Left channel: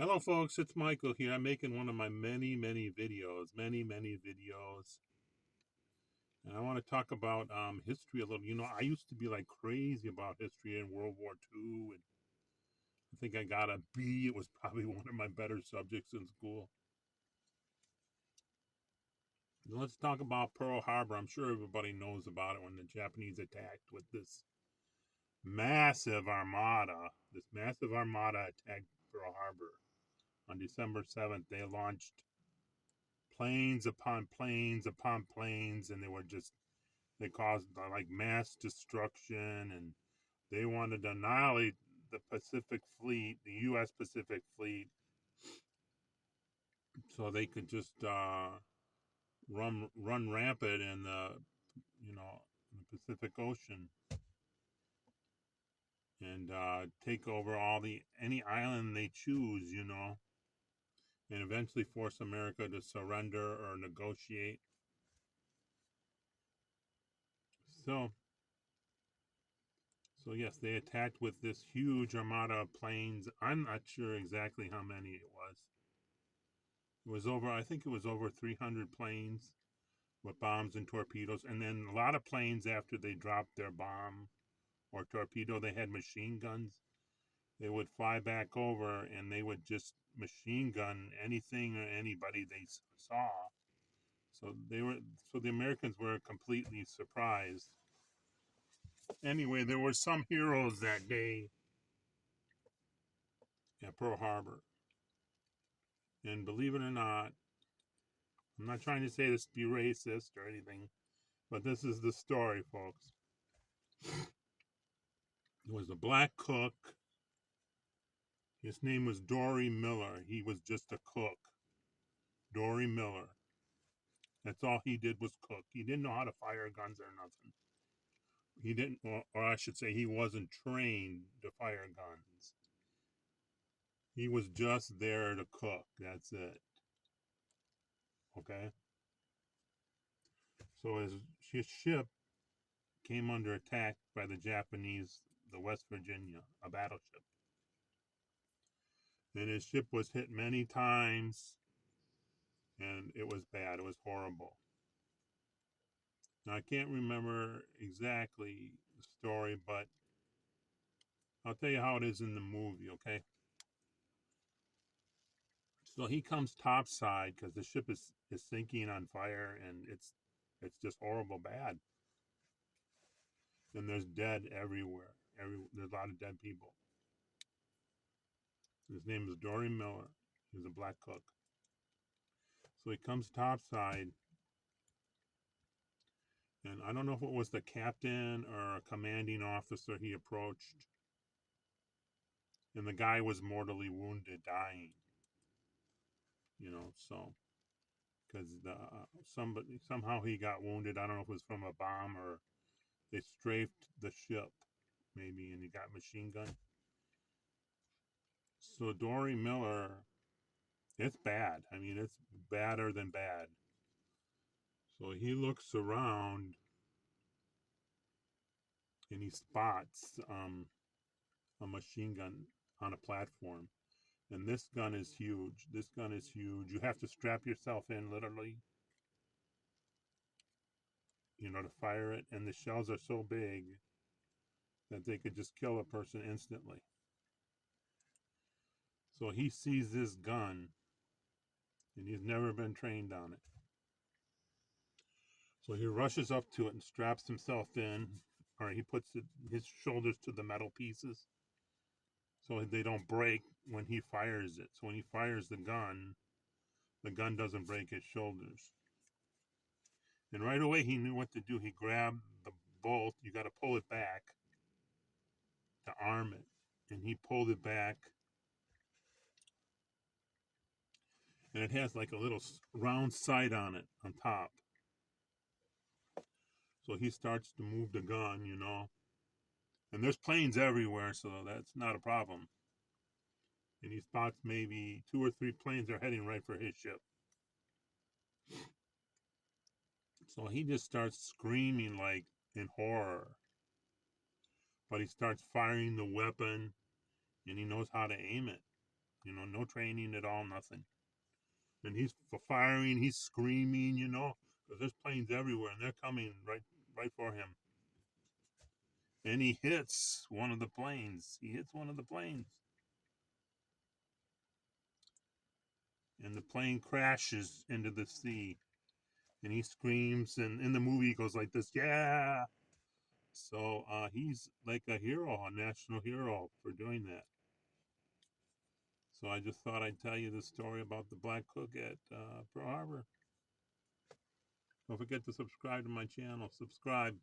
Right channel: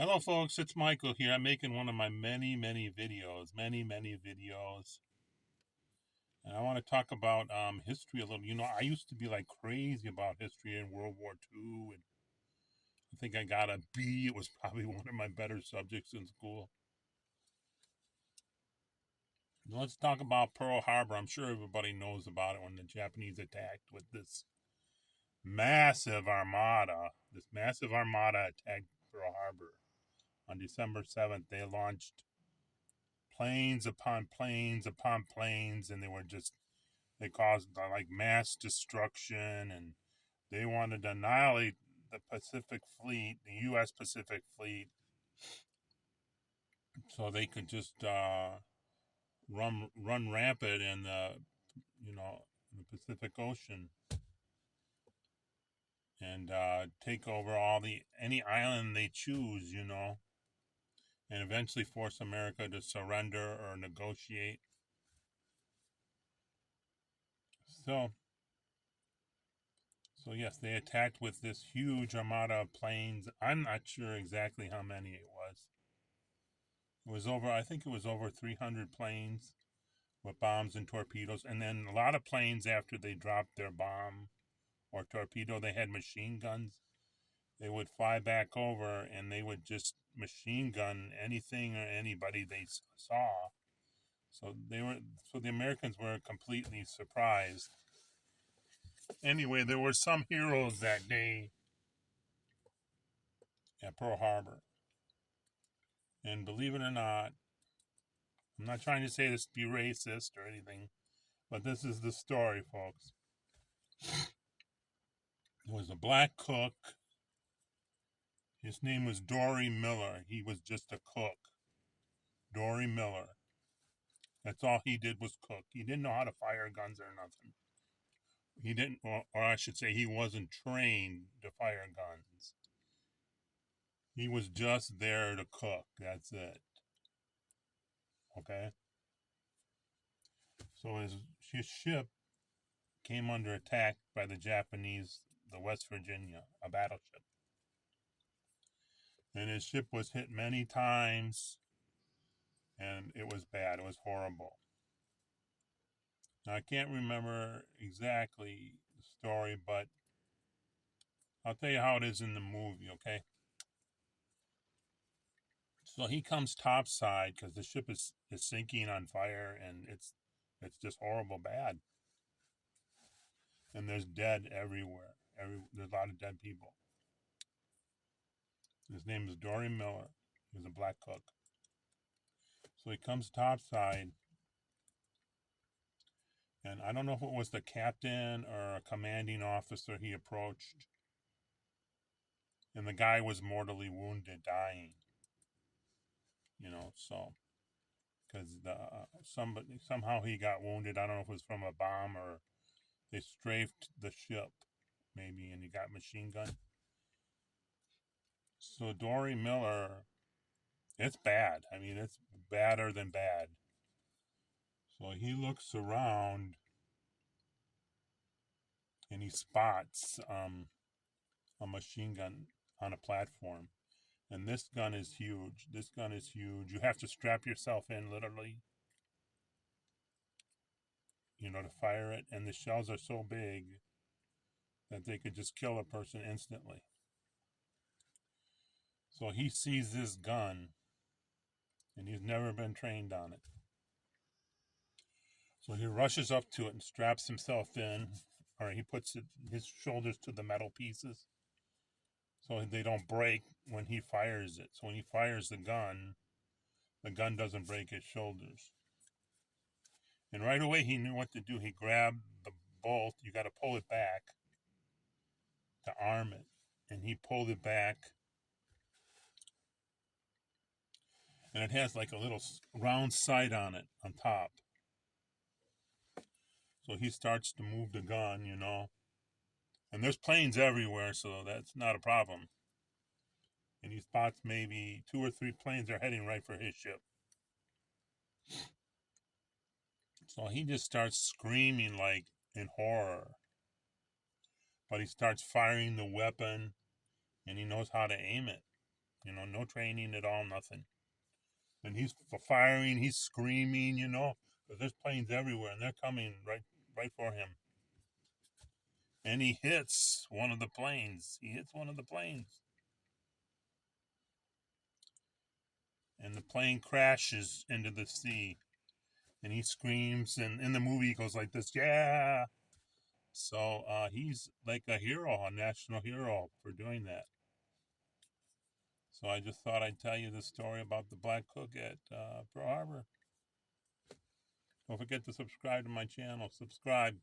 Hello, folks. It's Michael here. I'm making one of my many videos, and I want to talk about history a little. I used to be like crazy about history in World War II, and I think I got a B. It was probably one of my better subjects in school. Let's talk about Pearl Harbor. I'm sure everybody knows about it when the Japanese attacked with this massive armada. This massive armada attacked Pearl Harbor on December 7th. They launched planes upon planes upon planes, and they caused like mass destruction, and they wanted to annihilate the Pacific Fleet, the U.S. Pacific Fleet, so they could just run rampant in the Pacific Ocean and take over any island they choose, and eventually force America to surrender or negotiate. So So yes, they attacked with this huge armada of planes. I'm not sure exactly how many it was. I think it was over 300 planes with bombs and torpedoes. And then a lot of planes, after they dropped their bomb or torpedo, they had machine guns. They would fly back over and they would just machine gun anything or anybody they saw. So the Americans were completely surprised. Anyway, there were some heroes that day at Pearl Harbor. And believe it or not, I'm not trying to say this to be racist or anything, but this is the story, folks. There was a black cook. His name was Dory Miller. He was just a cook. Dory Miller. That's all he did was cook. He didn't know how to fire guns or nothing. He didn't, or I should say, he wasn't trained to fire guns. He was just there to cook. That's it. Okay? So his ship came under attack by the Japanese, the West Virginia, a battleship. And his ship was hit many times, and it was bad. It was horrible. Now, I can't remember exactly the story, but I'll tell you how it is in the movie, okay? So he comes topside because the ship is sinking on fire, and it's just horrible bad. And there's dead everywhere. There's a lot of dead people. His name is Dory Miller. He was a black cook. So he comes topside, and I don't know if it was the captain or a commanding officer he approached, and the guy was mortally wounded, dying. So because somebody somehow he got wounded. I don't know if it was from a bomb or they strafed the ship, maybe, and he got machine gun. So Dory Miller, it's bad. I mean, it's badder than bad. So he looks around and he spots a machine gun on a platform. And this gun is huge. This gun is huge. You have to strap yourself in literally, to fire it. And the shells are so big that they could just kill a person instantly. So he sees this gun and he's never been trained on it. So he rushes up to it and straps himself in, or he puts his shoulders to the metal pieces so they don't break when he fires it. So when he fires the gun doesn't break his shoulders. And right away he knew what to do. He grabbed the bolt. You got to pull it back to arm it. And he pulled it back. And it has like a little round sight on it on top. So he starts to move the gun. And there's planes everywhere, so that's not a problem. And he spots maybe two or three planes are heading right for his ship. So he just starts screaming like in horror. But he starts firing the weapon and he knows how to aim it. You know, no training at all, nothing. And he's firing, he's screaming, you know, because there's planes everywhere and they're coming right for him. And he hits one of the planes. He hits one of the planes. And the plane crashes into the sea. And he screams, and in the movie he goes like this, yeah. So he's like a hero, a national hero for doing that. So I just thought I'd tell you the story about the Black Cook at Pearl Harbor. Don't forget to subscribe to my channel. Subscribe.